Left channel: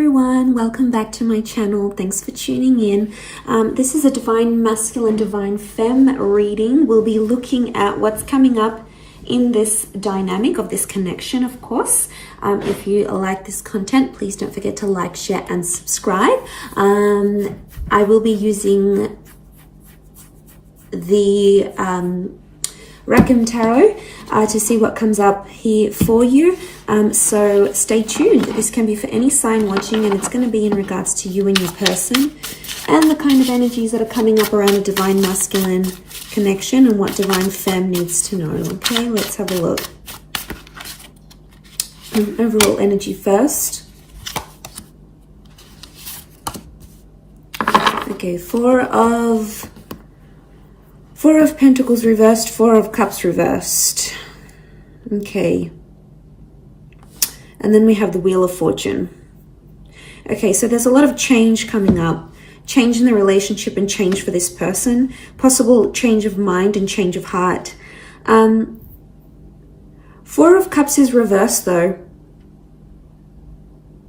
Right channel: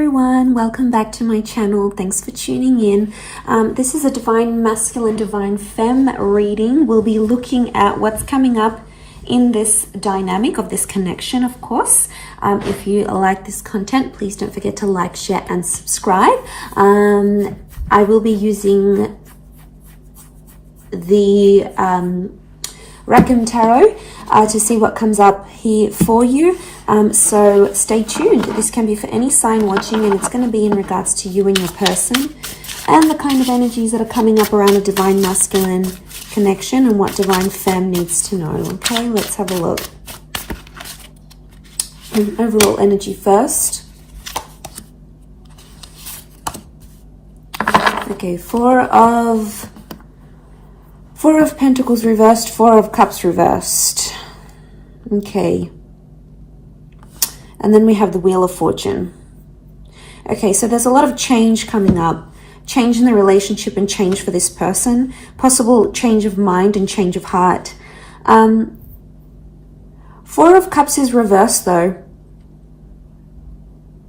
everyone, welcome back to my channel. Thanks for tuning in. This is a Divine Masculine, Divine Femme reading. We'll be looking at what's coming up in this dynamic of this connection, of course. If you like this content, please don't forget to like, share, and subscribe. I will be using the Reckon Tarot to see what comes up here for you. So stay tuned. This can be for any sign watching, and it's going to be in regards to you and your person and the kind of energies that are coming up around a Divine Masculine connection and what Divine Femme needs to know. Okay, let's have a look. Overall energy first. Okay, Four of Pentacles reversed, Four of Cups reversed. Okay. And then we have the Wheel of Fortune. Okay, so there's a lot of change coming up. Change in the relationship and change for this person. Possible change of mind and change of heart. Four of Cups is reversed though.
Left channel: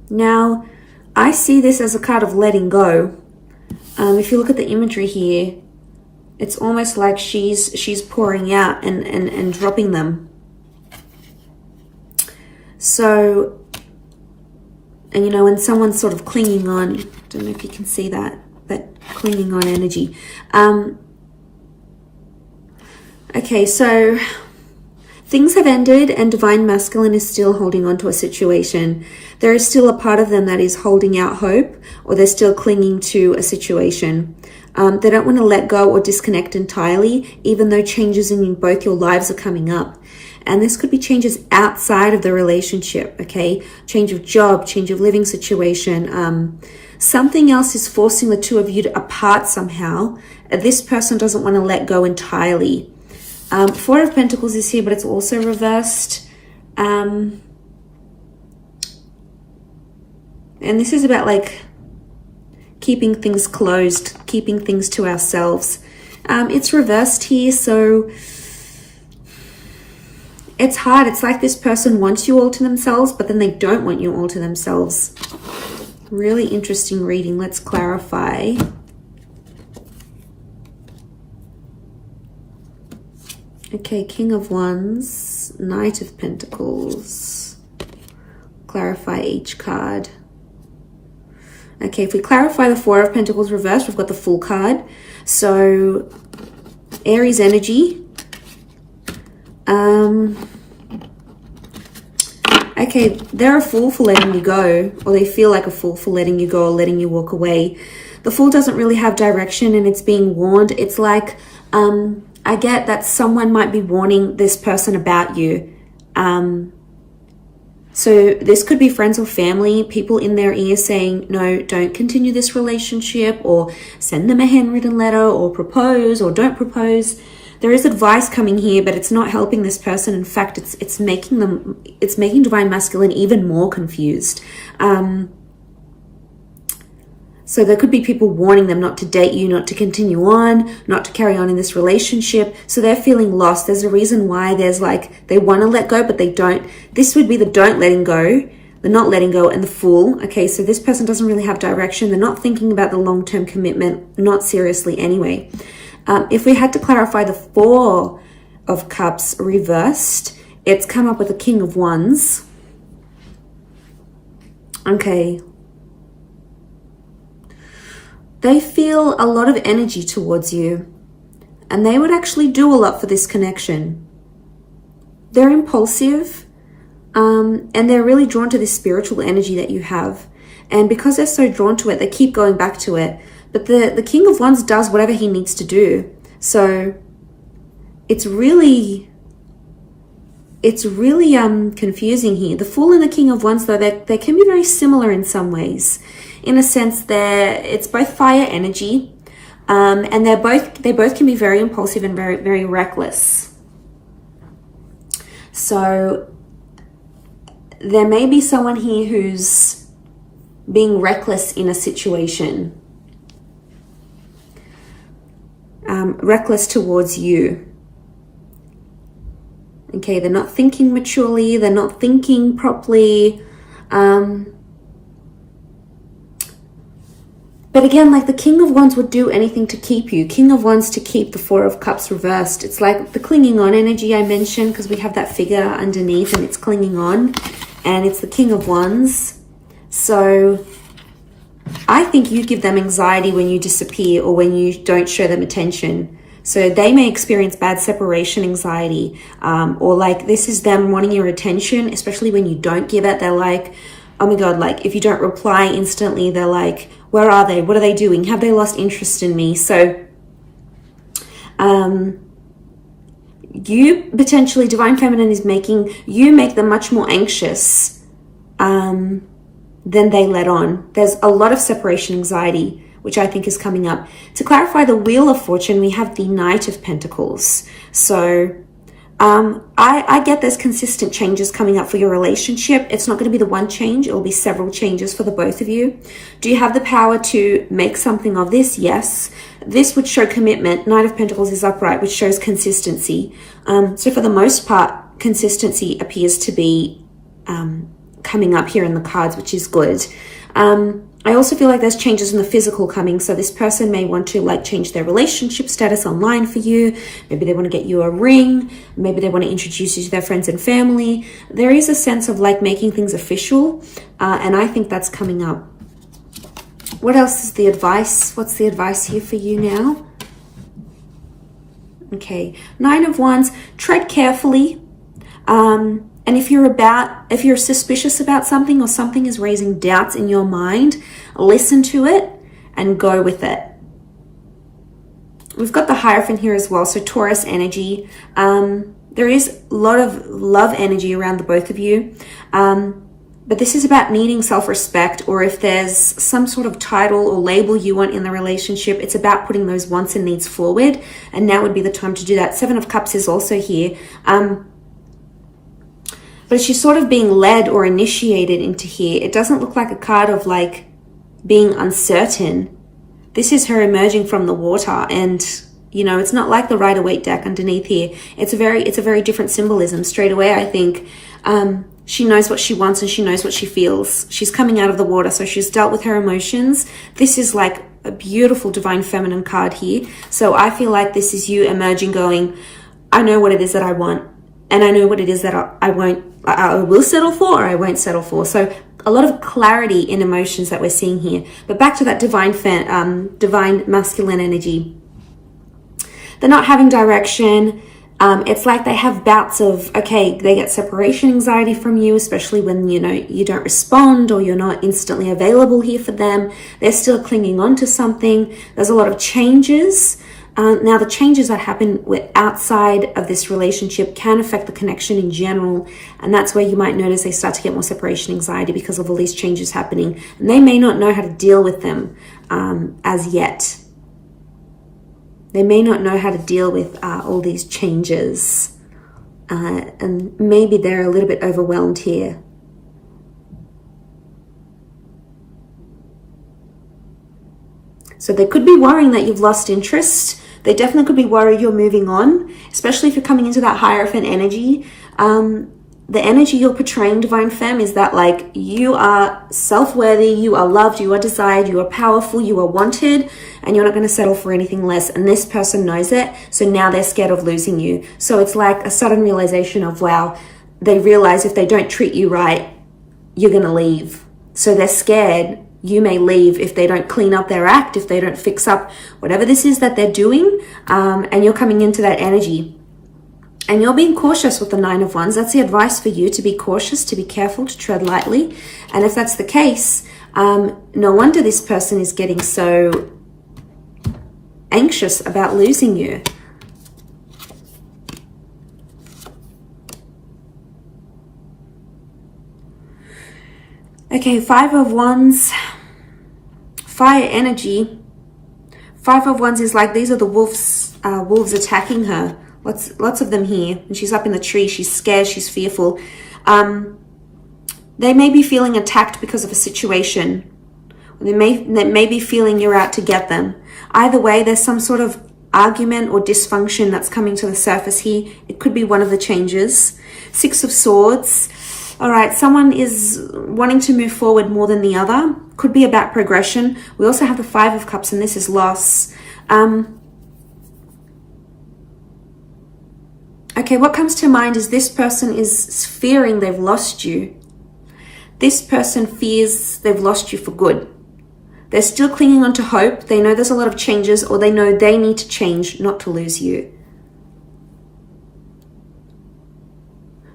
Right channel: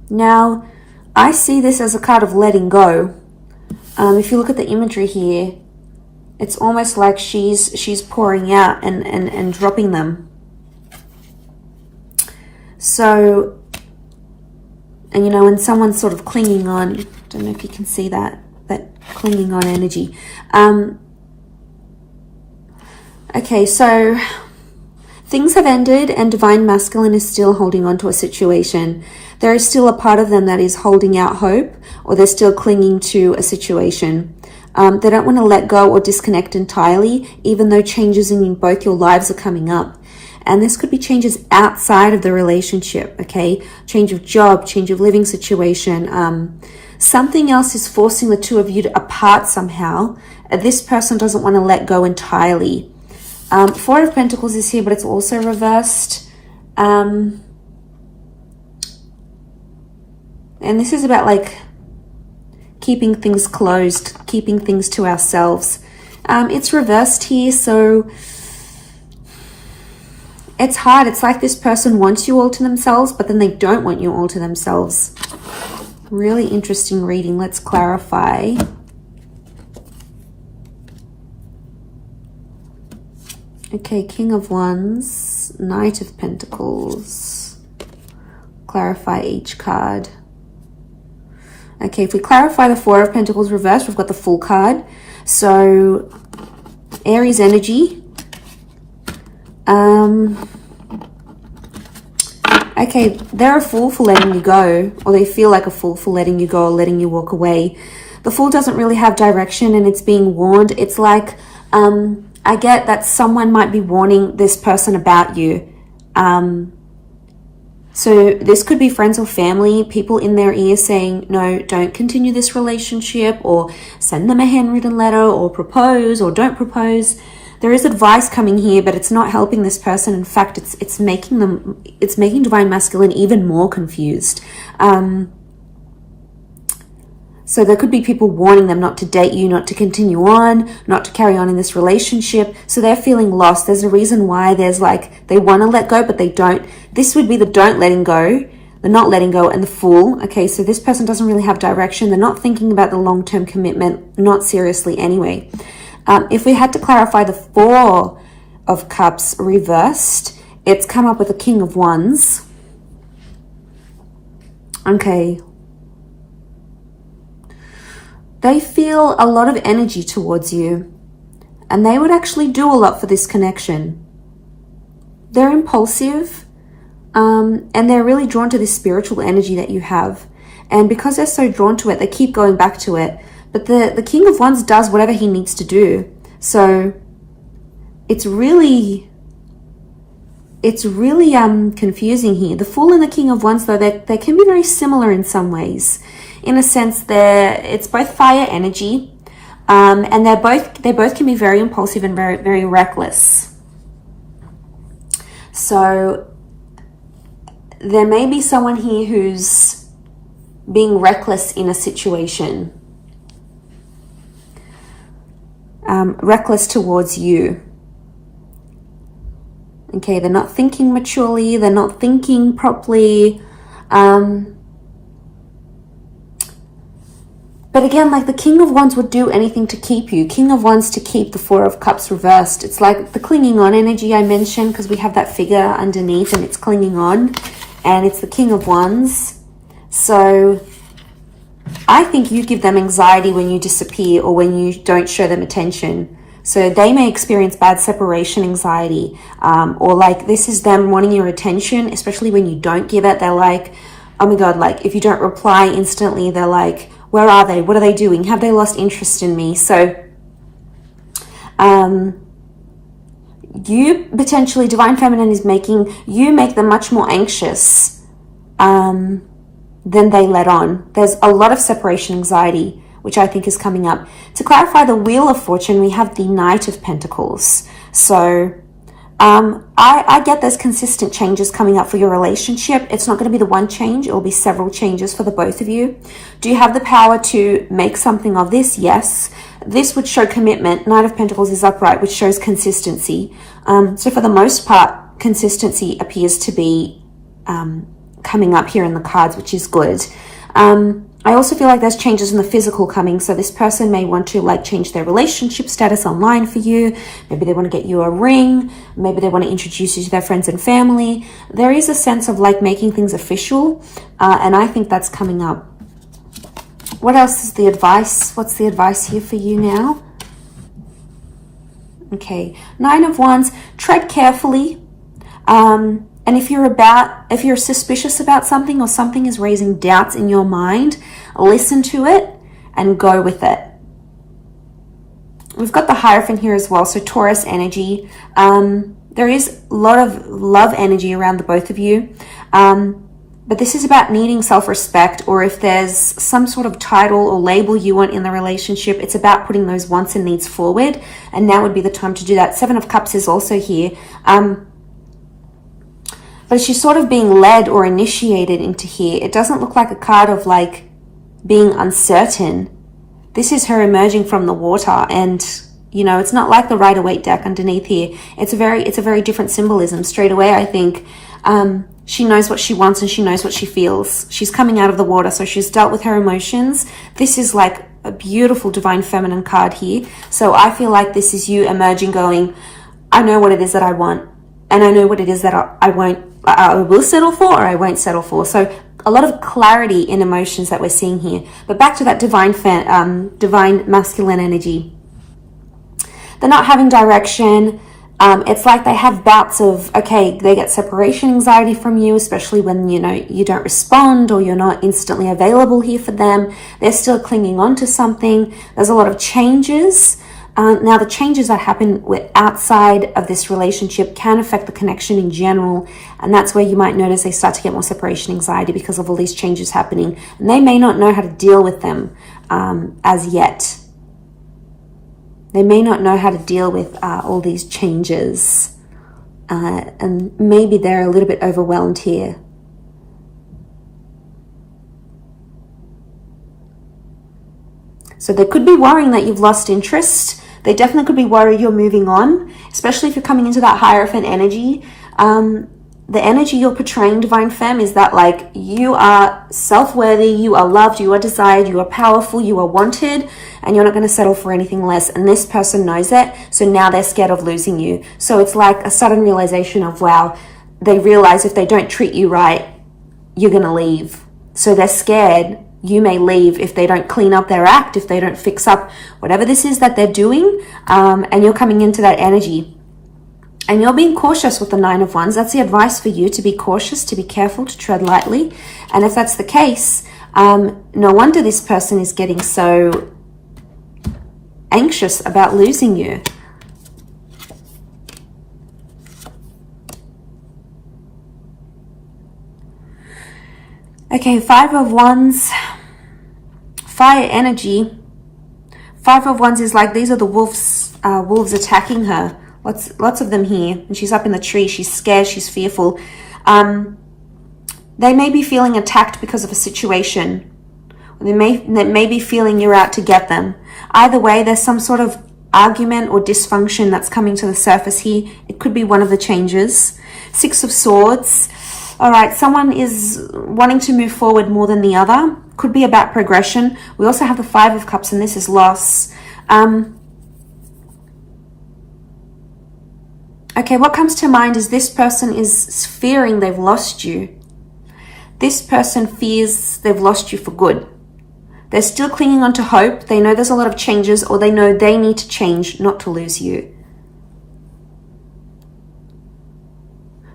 Now, I see this as a card of letting go. If you look at the imagery here, it's almost like she's pouring out and dropping them. So, and you know, and someone's sort of clinging on. Don't know if you can see that clinging on energy. Okay, so things have ended and Divine Masculine is still holding on to a situation. There is still a part of them that is holding out hope, or they're still clinging to a situation. They don't want to let go or disconnect entirely, even though changes in both your lives are coming up. And this could be changes outside of the relationship, okay? Change of job, change of living situation. Something else is forcing the two of you apart somehow. This person doesn't want to let go entirely. Four of Pentacles is here, but it's also reversed. And this is about like keeping things closed, keeping things to ourselves. It's reversed here, so it's hard. It's like this person wants you all to themselves, but then they don't want you all to themselves. Really interesting reading. Let's clarify. Okay, King of Wands, Knight of Pentacles. Clarify each card. Okay, if we clarify the Four of Pentacles reversed, we've got the Fool card. So, Aries energy. Okay, they're a fool for letting you go, or they feel like a fool for letting you go or letting you walk away. The Fool doesn't really have direction and it's being warned. It's like, I get that someone might be warning this person about you. So this could be friends or family, people in their ear saying, no, don't continue this relationship, or send them a handwritten letter, or propose, or don't propose. There is advice coming here, but it's not helping this person. In fact, it's making Divine Masculine even more confused. So there could be people warning them not to date you, not to continue on, not to carry on in this relationship. So they're feeling lost. There's a reason why there's like, they want to let go, but they don't. This would be the don't letting go, the not letting go, and the Fool. Okay, so this person doesn't really have direction. They're not thinking about the long-term commitment, not seriously anyway. If we had to clarify the Four of Cups reversed, it's come up with a King of Wands. Okay. They feel a lot of energy towards you, and they would actually do a lot for this connection. They're impulsive, and they're really drawn to this spiritual energy that you have. And because they're so drawn to it, they keep going back to it. But the King of Wands does whatever he needs to do. So it's really confusing here. The Fool and the King of Wands, though, they can be very similar in some ways. In a sense, it's both fire energy, and they both can be very impulsive and very, very reckless. So there may be someone here who's being reckless in a situation. Reckless towards you. Okay, they're not thinking maturely, they're not thinking properly. But again, like the King of Wands would do anything to keep you. King of Wands to keep the Four of Cups reversed. It's like the clinging on energy I mentioned, because we have that figure underneath and it's clinging on. And it's the King of Wands. So I think you give them anxiety when you disappear or when you don't show them attention. So they may experience bad separation anxiety, or like this is them wanting your attention, especially when you don't give it. They're like, oh my God, like if you don't reply instantly, they're like, where are they? What are they doing? Have they lost interest in me? So you potentially, Divine Feminine is making you make them much more anxious than they let on. There's a lot of separation anxiety, which I think is coming up. To clarify the Wheel of Fortune, we have the Knight of Pentacles. So I get there's consistent changes coming up for your relationship. It's not going to be the one change. It will be several changes for the both of you. Do you have the power to make something of this? Yes. This would show commitment. Knight of Pentacles is upright, which shows consistency. So for the most part, consistency appears to be coming up here in the cards, which is good. I also feel like there's changes in the physical coming. So this person may want to like change their relationship status online for you. Maybe they want to get you a ring. Maybe they want to introduce you to their friends and family. There is a sense of like making things official. And I think that's coming up. What else is the advice? What's the advice here for you now? Okay, Nine of Wands, tread carefully. And if you're suspicious about something or something is raising doubts in your mind, listen to it and go with it. We've got the Hierophant here as well, so Taurus energy. There is a lot of love energy around the both of you. But this is about needing self-respect, or if there's some sort of title or label you want in the relationship, it's about putting those wants and needs forward. And now would be the time to do that. Seven of Cups is also here. But she's sort of being led or initiated into here. It doesn't look like a card of like being uncertain. This is her emerging from the water, and you know, it's not like the Rider-Waite deck underneath here. It's a very different symbolism. Straight away, I think she knows what she wants and she knows what she feels. She's coming out of the water, so she's dealt with her emotions. This is like a beautiful Divine Feminine card here. So I feel like this is you emerging, going, I know what it is that I want, and I know what it is that I will settle for, or I won't settle for. So a lot of clarity in emotions that we're seeing here. But back to that divine masculine energy. They're not having direction. It's like they have bouts of, okay, they get separation anxiety from you, especially when, you know, you don't respond or you're not instantly available here for them. They're still clinging on to something. There's a lot of changes. Now, the changes that happen outside of this relationship can affect the connection in general. And that's where you might notice they start to get more separation anxiety because of all these changes happening. And they may not know how to deal with them as yet. They may not know how to deal with all these changes. And maybe they're a little bit overwhelmed here. So they could be worrying that you've lost interest. They definitely could be worried you're moving on, especially if you're coming into that Hierophant energy. The energy you're portraying, Divine Femme, is that like you are self-worthy, you are loved, you are desired, you are powerful, you are wanted, and you're not going to settle for anything less. And this person knows it, so now they're scared of losing you. So it's like a sudden realization of, wow, they realize if they don't treat you right, you're going to leave. So they're scared you may leave if they don't clean up their act, if they don't fix up whatever this is that they're doing, and you're coming into that energy. And you're being cautious with the Nine of Wands. That's the advice for you, to be cautious, to be careful, to tread lightly. And if that's the case, no wonder this person is getting so anxious about losing you. Okay, Five of Wands, fire energy. Five of Wands is like, these are the wolves attacking her. Lots of them here. And she's up in the tree. She's scared. She's fearful. They may be feeling attacked because of a situation. They may be feeling you're out to get them. Either way, there's some sort of argument or dysfunction that's coming to the surface here. It could be one of the changes. Six of Swords. All right, someone is wanting to move forward more than the other. Could be about progression. We also have the Five of Cups, and this is loss. Okay, what comes to mind is this person is fearing they've lost you. This person fears they've lost you for good. They're still clinging on to hope. They know there's a lot of changes, or they know they need to change not to lose you.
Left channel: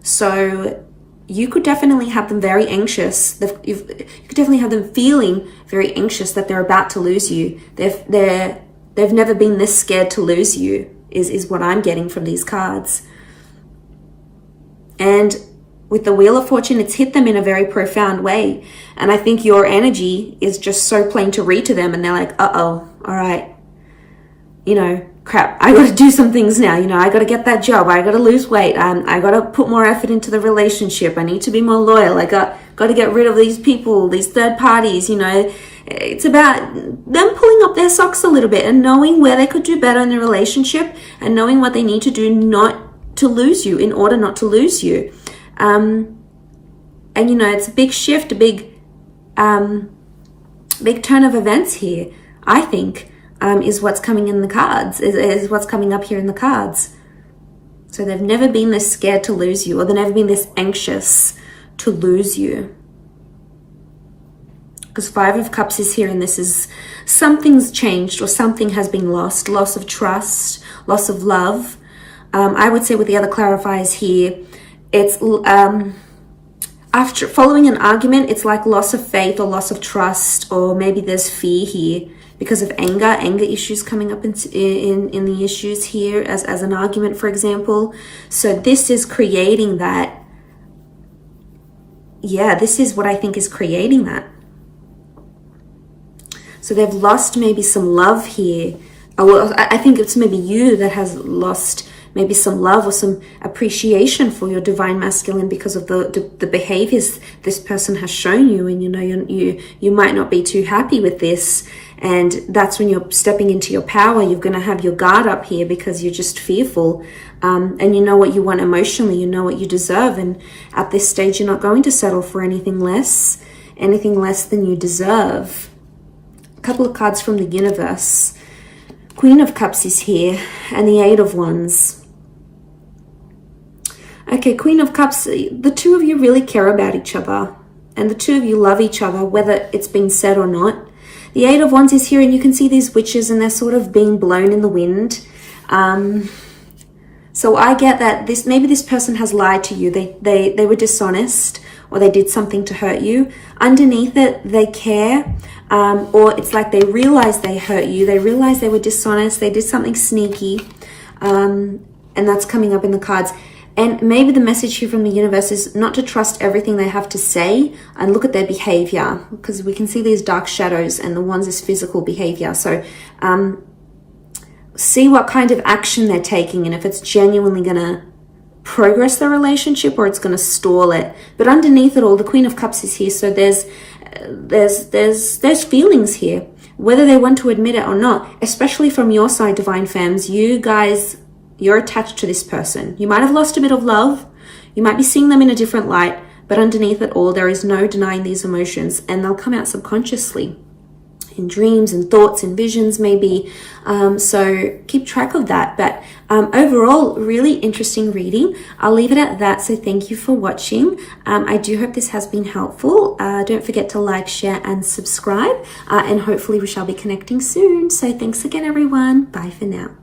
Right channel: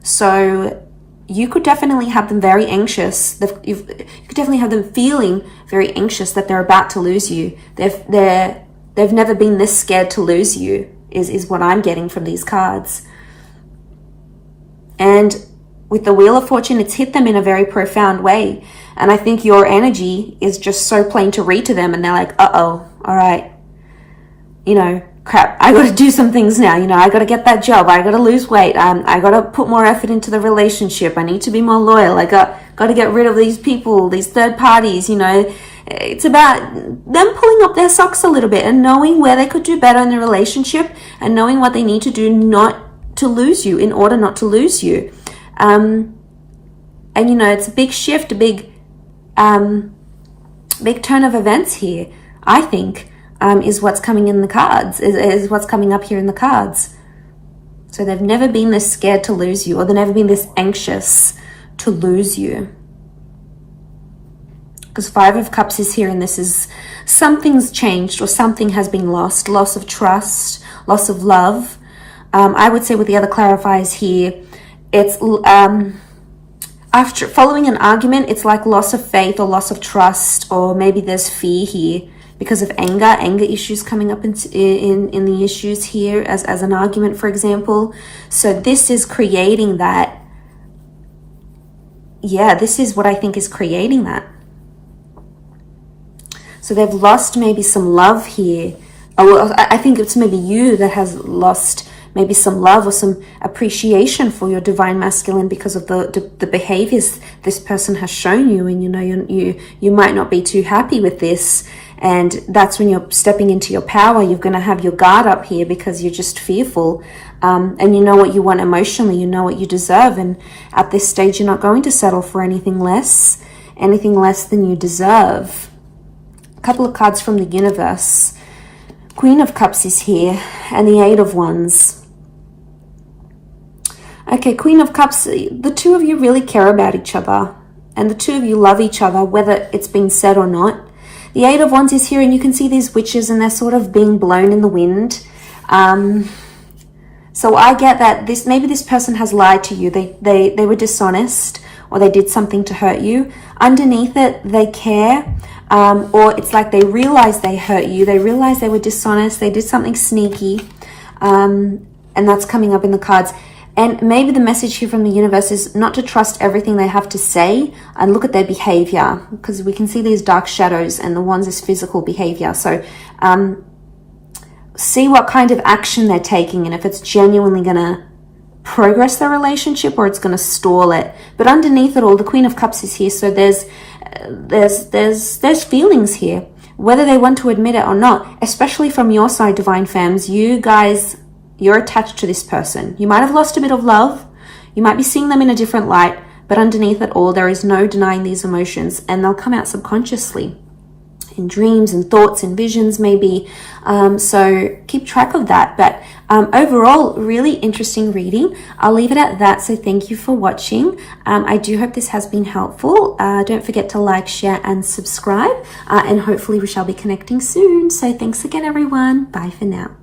So you could definitely have them very anxious. You could definitely have them feeling very anxious that they're about to lose you. They've never been this scared to lose you, is what I'm getting from these cards. And with the Wheel of Fortune, it's hit them in a very profound way. And I think your energy is just so plain to read to them. And they're like, uh-oh, all right. You know, crap, I got to do some things now. You know, I got to get that job. I got to lose weight. I got to put more effort into the relationship. I need to be more loyal. I got to get rid of these people, these third parties, you know. It's about them pulling up their socks a little bit and knowing where they could do better in the relationship and knowing what they need to do not to lose you, in order not to lose you. And, you know, it's a big shift, a big turn of events here, I think, is what's coming in the cards, is what's coming up here in the cards. So they've never been this scared to lose you, or they've never been this anxious to lose you. Because Five of Cups is here, and this is something's changed, or something has been lost. Loss of trust, loss of love. I would say with the other clarifiers here, it's after following an argument, it's like loss of faith or loss of trust, or maybe there's fear here because of anger issues coming up in the issues here as an argument, for example. So this is creating that. Yeah, this is what I think is creating that. So they've lost maybe some love here. Well, I think it's maybe you that has lost maybe some love or some appreciation for your divine masculine because of the behaviors this person has shown you. And, you know, you might not be too happy with this. And that's when you're stepping into your power. You're going to have your guard up here because you're just fearful. And you know what you want emotionally. You know what you deserve. And at this stage, you're not going to settle for anything less than you deserve. A couple of cards from the universe. Queen of Cups is here, and the Eight of Wands. Okay, Queen of Cups, the two of you really care about each other, and the two of you love each other, whether it's been said or not. The Eight of Wands is here, and you can see these witches, and they're sort of being blown in the wind. So I get that maybe this person has lied to you. They were dishonest, or they did something to hurt you. Underneath it, they care. Or it's like they realize they hurt you. They realize they were dishonest. They did something sneaky. And that's coming up in the cards. And maybe the message here from the universe is not to trust everything they have to say and look at their behavior, because we can see these dark shadows, and the Wands is physical behavior. So see what kind of action they're taking, and if it's genuinely going to progress their relationship or it's going to stall it. But underneath it all, the Queen of Cups is here. So there's feelings here, whether they want to admit it or not, especially from your side, divine femmes. You guys, you're attached to this person. You might have lost a bit of love. You might be seeing them in a different light, but underneath it all, there is no denying these emotions, and they'll come out subconsciously in dreams and thoughts and visions maybe. So keep track of that. But overall, really interesting reading. I'll leave it at that. So thank you for watching. I do hope this has been helpful. Don't forget to like, share, and subscribe. And hopefully we shall be connecting soon. So thanks again, everyone. Bye for now.